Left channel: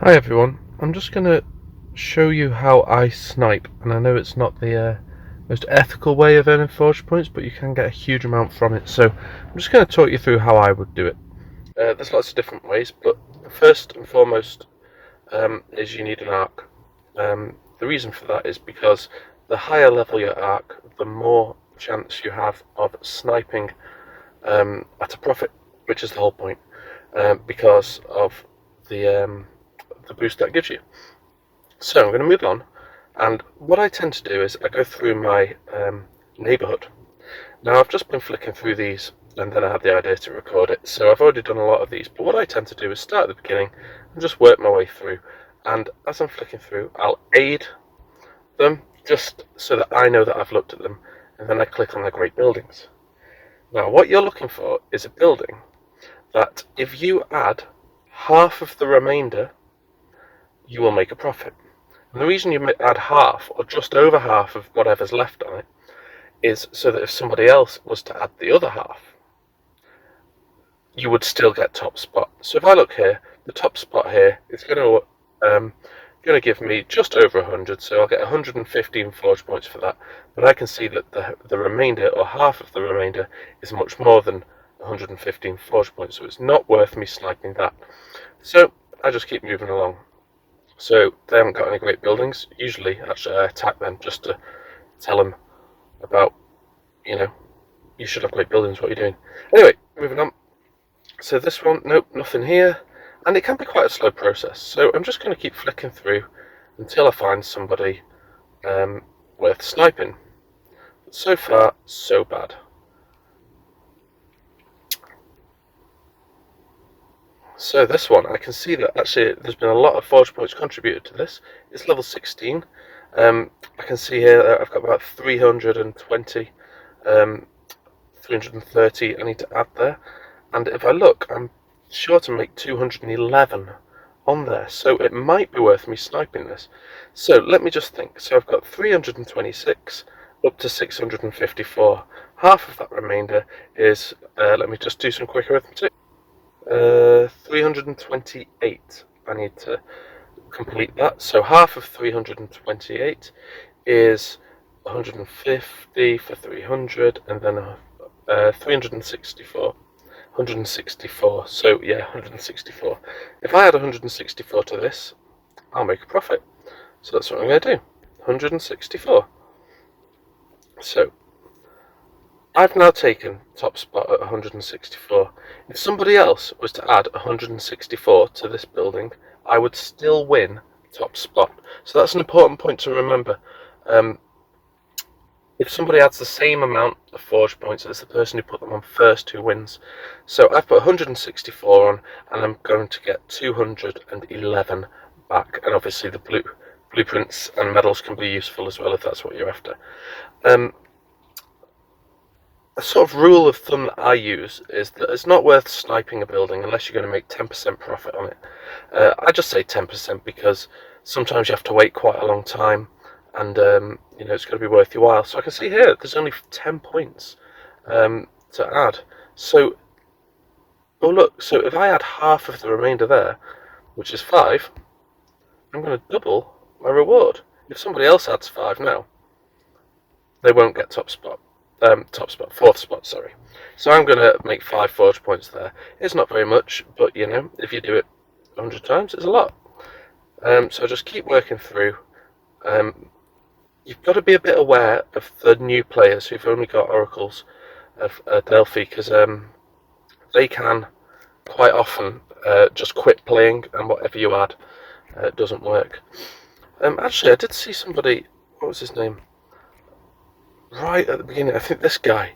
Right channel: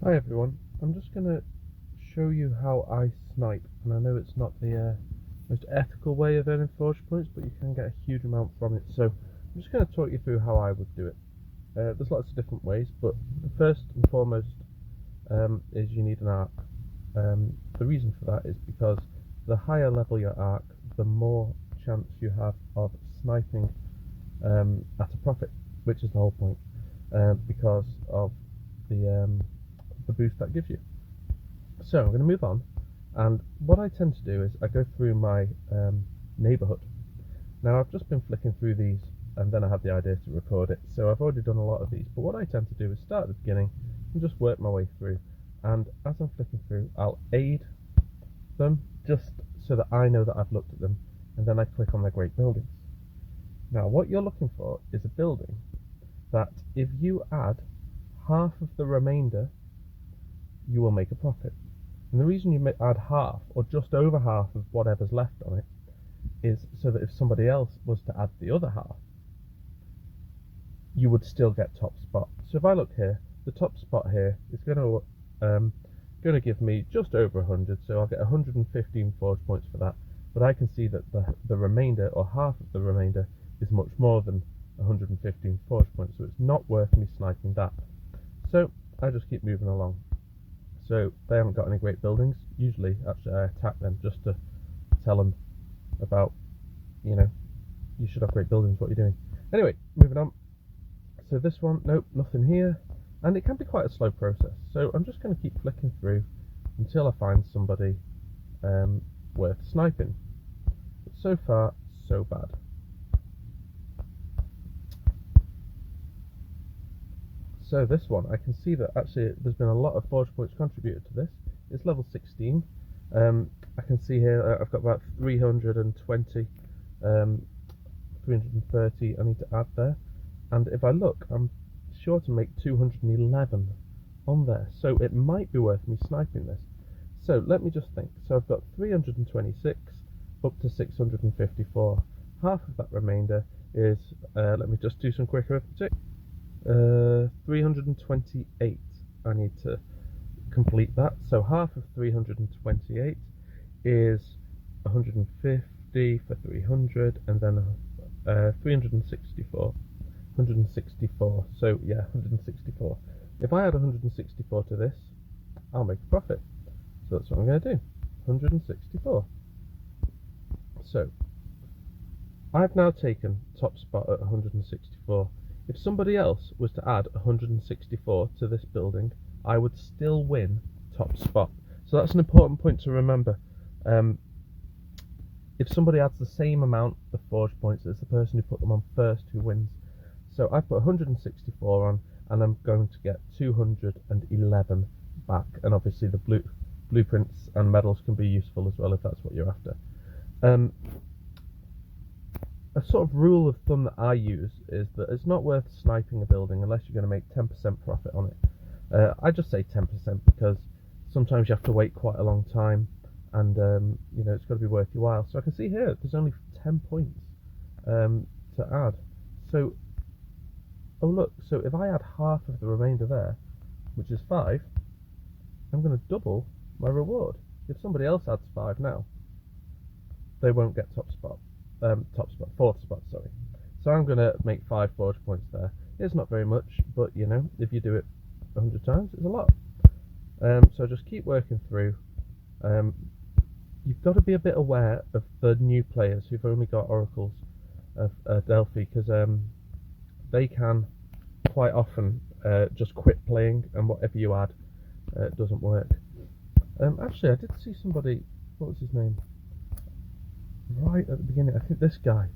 Hi everyone, I'm just going to show you how I snipe, and I know it's not the most ethical way of earning forge points, but you can get a huge amount from it, so I'm just going to talk you through how I would do it. There's lots of different ways, but first and foremost is you need an arc. The reason for that is because the higher level your arc, the more chance you have of sniping at a profit, which is the whole point, because of the the boost that gives you. So I'm going to move on, and what I tend to do is I go through my neighbourhood. Now I've just been flicking through these, and then I had the idea to record it, so I've already done a lot of these, but what I tend to do is start at the beginning and just work my way through, and as I'm flicking through I'll aid them just so that I know that I've looked at them, and then I click on the great buildings. Now what you're looking for is a building that if you add half of the remainder you will make a profit. And the reason you add half or just over half of whatever's left on it is so that if somebody else was to add the other half, you would still get top spot. So if I look here, the top spot here is going to give me just over 100, so I'll get 115 forge points for that. But I can see that the remainder, or half of the remainder, is much more than 115 forge points, so it's not worth me sniping that. So I just keep moving along. So they haven't got any great buildings. Usually, actually, I attack them just to tell them about, you should have great buildings, what you're doing. Anyway, moving on. So this one, nope, nothing here. And it can be quite a slow process. So I'm just going to keep flicking through until I find somebody worth sniping. But so far, so bad. So this one, I can see that actually there's been a lot of forge points contributed to this. It's level 16. I can see here that I've got about 320, 330 I need to add there. And if I look, I'm sure to make 211 on there. So it might be worth me sniping this. So let me just think. So I've got 326 up to 654. Half of that remainder is, let me just do some quick arithmetic. 328 I need to complete that, so half of 328 is 150 for 300, and then 364, 164, so yeah, 164. If I add 164 to this, I'll make a profit, so that's what I'm going to do, 164. So I've now taken top spot at 164. If somebody else was to add 164 to this building, I would still win top spot. So that's an important point to remember. If somebody adds the same amount of forge points as the person who put them on first who wins. So I've put 164 on, and I'm going to get 211 back. And obviously the blueprints and medals can be useful as well if that's what you're after. A sort of rule of thumb that I use is that it's not worth sniping a building unless you're going to make 10% profit on it. I just say 10% because sometimes you have to wait quite a long time, and it's going to be worth your while. So I can see here there's only 10 points to add. So, oh look, so if I add half of the remainder there, which is 5, I'm going to double my reward. If somebody else adds 5 now, they won't get top spot. Fourth spot, sorry. So I'm going to make 5 forge points there. It's not very much, but if you do it 100 times, it's a lot. So just keep working through. You've got to be a bit aware of the new players who've only got oracles of Delphi, because they can quite often just quit playing, and whatever you add doesn't work. Actually, I did see somebody, what was his name? Right at the beginning, I think this guy.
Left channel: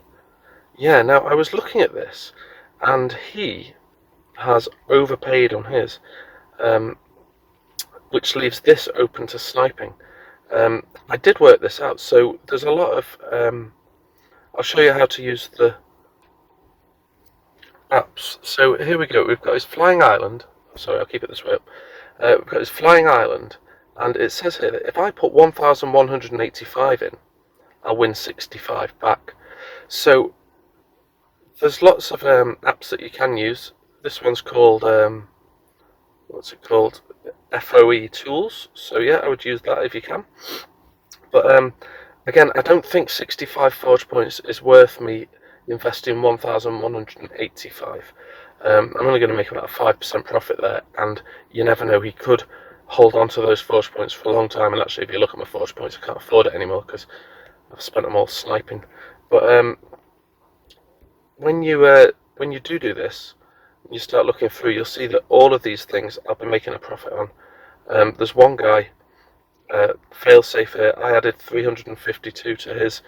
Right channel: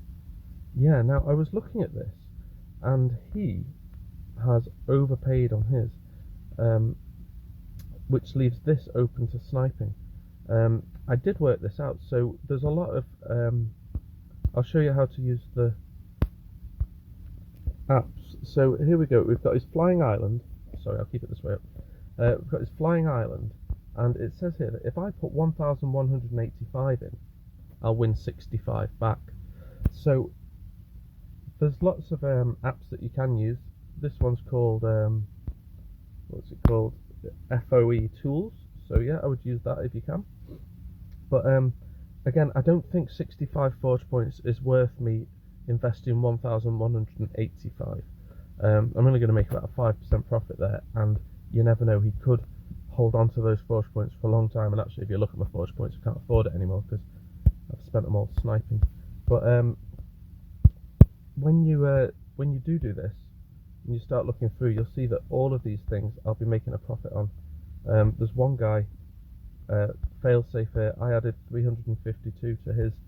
Yeah, now I was looking at this, and he has overpaid on his, which leaves this open to sniping. I did work this out, so there's a lot of, I'll show you how to use the maps. So here we go, we've got his flying island. Sorry, I'll keep it this way up. We've got his flying island, and it says here that if I put 1,185 in, I'll win 65 back. So there's lots of apps that you can use. This one's called what's it called, FOE tools. So yeah, I would use that if you can. But again, I don't think 65 forge points is worth me investing 1,185. I'm only going to make about a 5% profit there, and you never know, he could hold on to those forge points for a long time. And actually, if you look at my forge points, I can't afford it anymore because I've spent them all sniping. But when you do this, when you start looking through, you'll see that all of these things I'll be making a profit on. There's one guy, failsafe here, I added 352 to his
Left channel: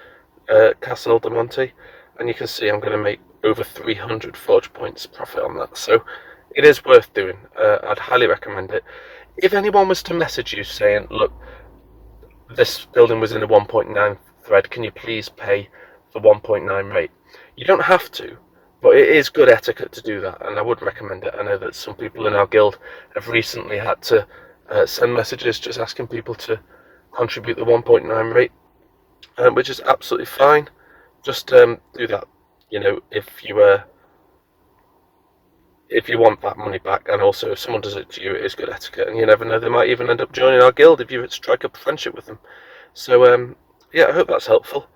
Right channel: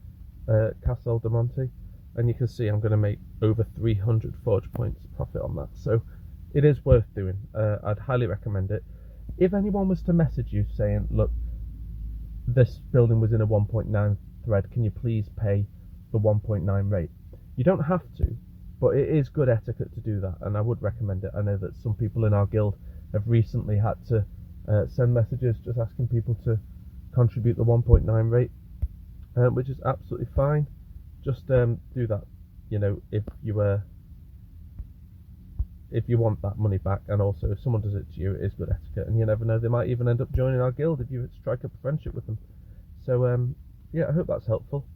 Castle de Monte, and you can see I'm going to make over 300 forge points profit on that. So it is worth doing. I'd highly recommend it. If anyone was to message you saying, look, this building was in a 1.9 thread, can you please pay the 1.9 rate? You don't have to, but it is good etiquette to do that, and I would recommend it. I know that some people in our guild have recently had to send messages just asking people to contribute the 1.9 rate, which is absolutely fine. Just do that, you know, if you want that money back, and also if someone does it to you, it is good etiquette, and you never know, they might even end up joining our guild if you strike up a friendship with them. So yeah, I hope that's helpful.